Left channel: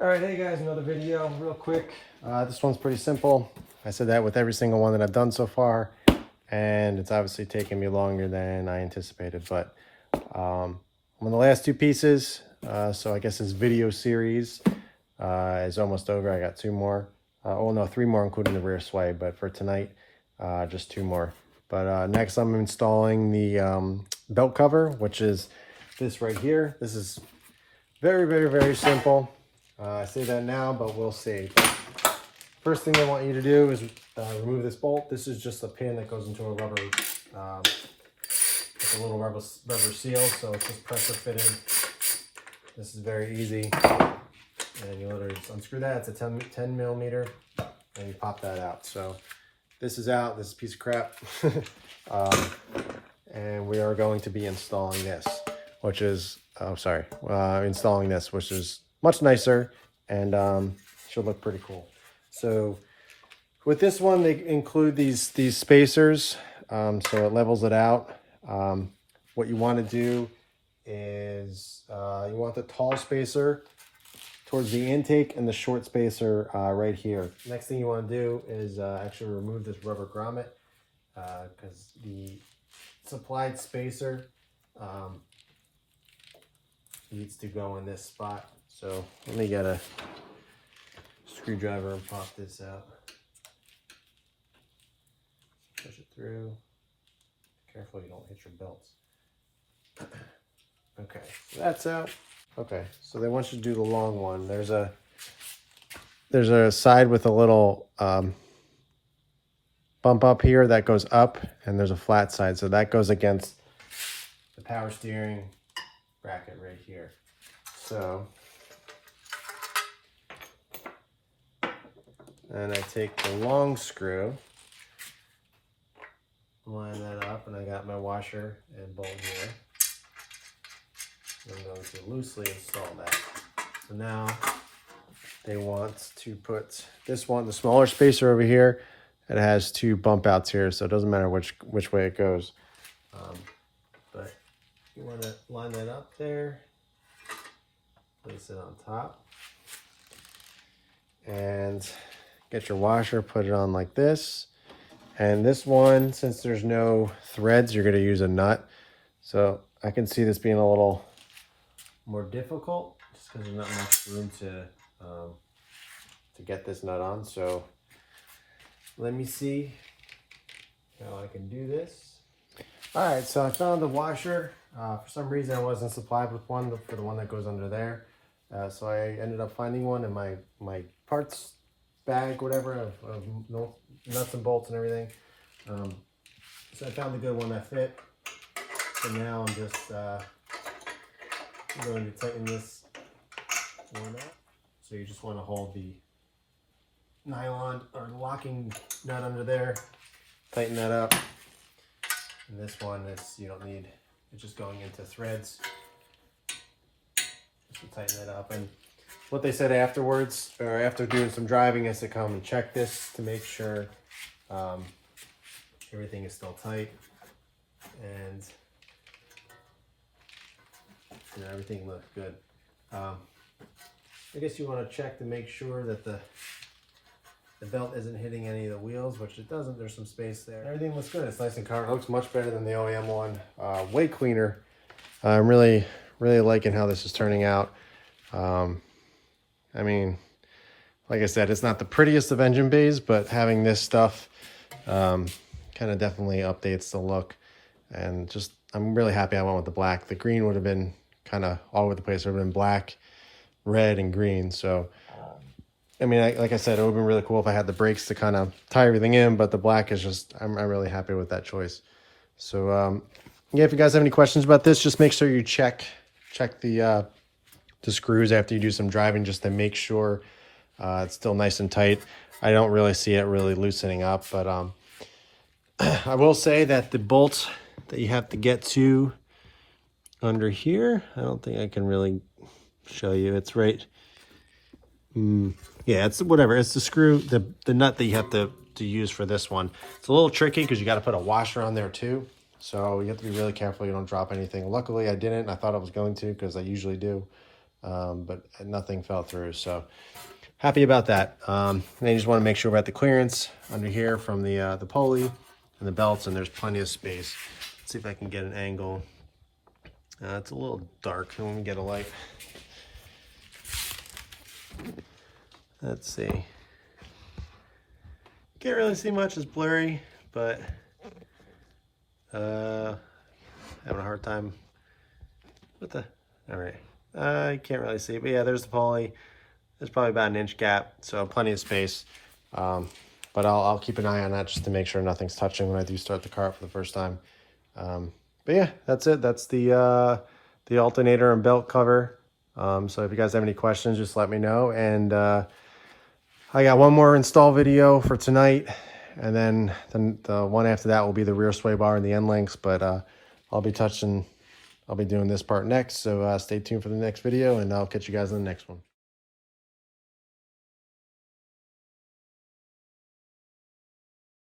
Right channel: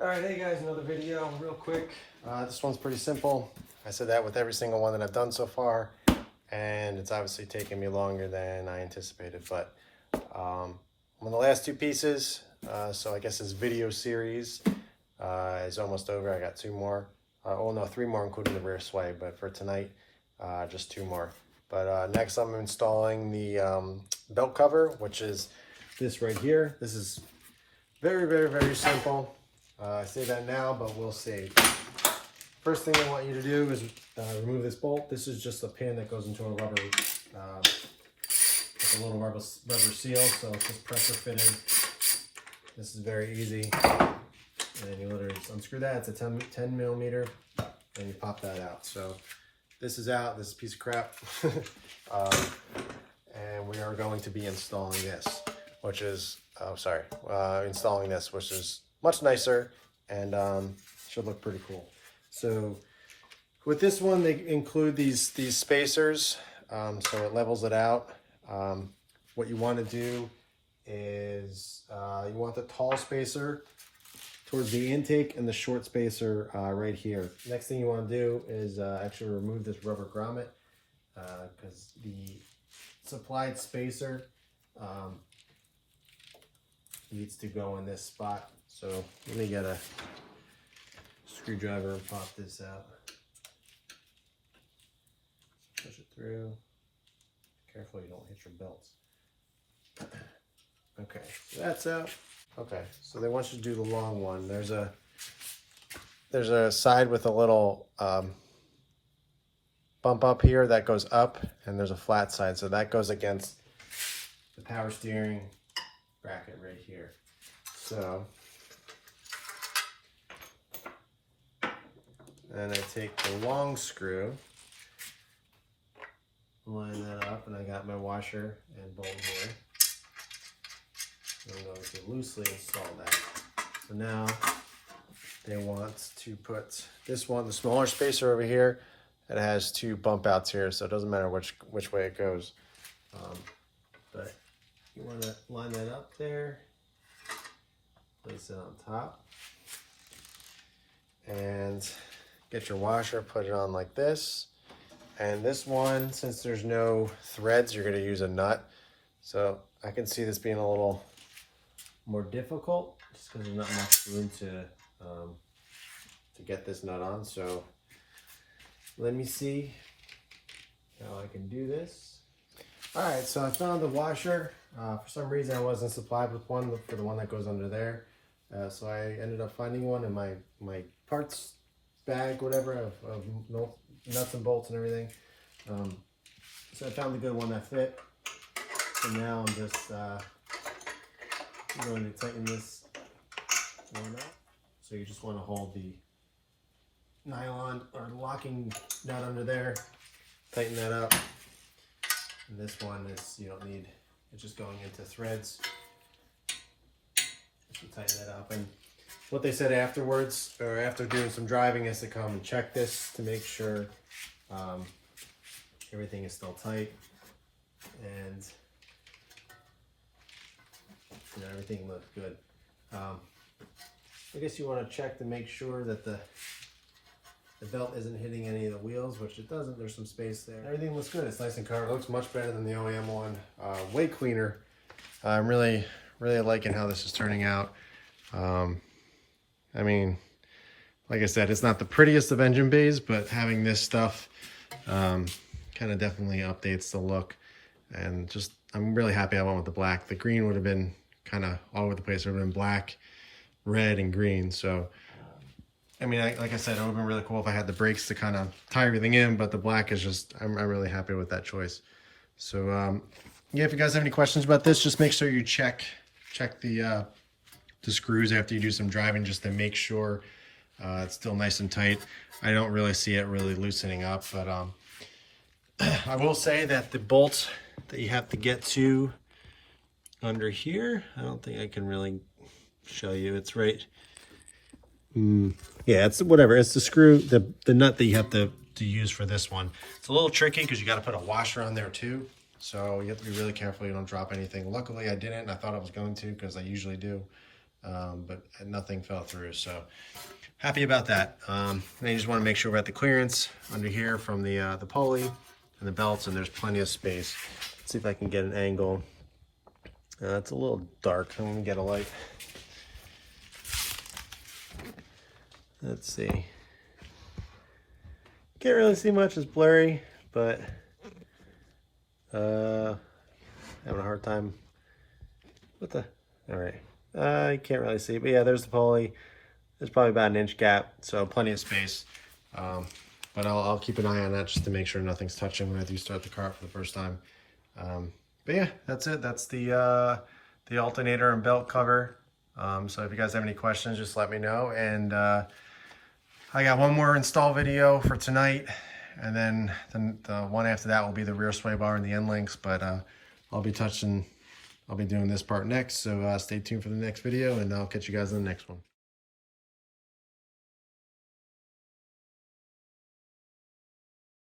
Alright, hey guys, another video real quick. This one's pretty simple. I said that with every single one that I've done so far, and it's obviously taken me longer than I anticipated, but I'm on the last two pieces, so I guess this video series is almost over. I got two more. Oh no, three more including the rear sway, but for tonight, just two more. But next I'm installing the belt cover, which is this right here. This is very simple. I say that now, but we'll see. First thing I want you to do is remove this bolt. This is just a pin that goes into a rubber, it's a little rubber seal, so it's just pressure fitted. This is very easy, and you literally just unscrew that. It's a 10 millimeter, and you pop that out. So this is out. This is a piece of crap, and we are going to be installing this, which is installing this, which is much nicer and should look pretty cool. So with this one, they include these spacers, so it levels it out. What you want to do is you want the tall spacer towards the intake and the short spacer right here. Next thing you want to do is actually remove this rubber grommet, because the supplied spacer needs to go in this spot. So let me get a screwdriver and pop this out. Push it through. Careful you don't hit your belts. Okay, so that's out. Okay, so they want you to do the long one. There's a side with a little bump up here that goes up, and there's a flat side, so that goes against the power steering bracket right here. So and I take the long screw, line that up, and I got my washer and bolt here. I'm going to loosely install that. So now they want to put this one, the smaller spacer over here. It has two bump outs here, so it doesn't matter which way it goes. But you want to line that up there, place it on top, and get your washer, put it on like this. And this one, since there's no threads, you're gonna use a nut. So I can see this being a little more difficult just because there's not much room to get this nut on. So let me see how I can do this. All right, so I found the washer. For some reason I wasn't supplied with one for the one that goes under there. So I ended up finding one in my parts bag, whatever, of nuts and bolts and everything. So I found a good one that fit. So now I'm just going to tighten this one up. So you just want to hold the nylon or locking nut under there, tighten that up. And this one is, you don't need, it's just going into threads. Just tighten that up. And what they said afterwards, or after doing some driving, is to come and check this to make sure everything is still tight, and everything looks good. I guess you want to check to make sure that the belt isn't hitting any of the wheels, which it doesn't. There's some space there. Everything looks good. It's nice and covered. It looks much better than the OEM one. Way cleaner. I'm really liking how this is turning out. I mean, like I said, it's not the prettiest of engine bays, but having this stuff kind of definitely updates the look. And just, I'm really happy I went with the black. The green would have been kind of all over the place. It would have been black, red, and green. So, I mean, like I said, it would have been really cool if I had the brakes to kind of tie everything in, but the black is just, I'm really happy with that choice. So, yeah, if you guys have any questions about this, just make sure you check the screws after you do some driving, just to make sure it's still nice and tight. I don't really see it really loosening up, but I will say that the bolts that you have to get to under here, I don't think I can really show you. It's right. Yeah, it's whatever. It's the screw, the nut that you have to use for this one. It's a little tricky because you got to put a washer on there too. So you have to be really careful you don't drop anything. Luckily I didn't. I thought I was going to, because I usually do. but nothing fell through. So happy about that. And I just want to make sure we're at the clearance under here from the pulley and the belts, and there's plenty of space. Let's see if I can get an angle. It's a little dark. Let me get a light. Let's see. Can't really see much, it's blurry, but having a hard time. What the? All right. I can't really see, but yeah, there's the pulley. There's probably about an inch gap, so plenty of space. But I'll keep an eye on that just to make sure nothing's touching when I do start the car for the first time. But yeah, that's it. That's the alternator and belt cover. So if you guys have any questions, just let me know. And I got one more install video for tonight, and then the one after that will be the rear sway bar and the end links. But I'll be doing this part next. So stay tuned for the next video, and I'll catch you guys in the next one.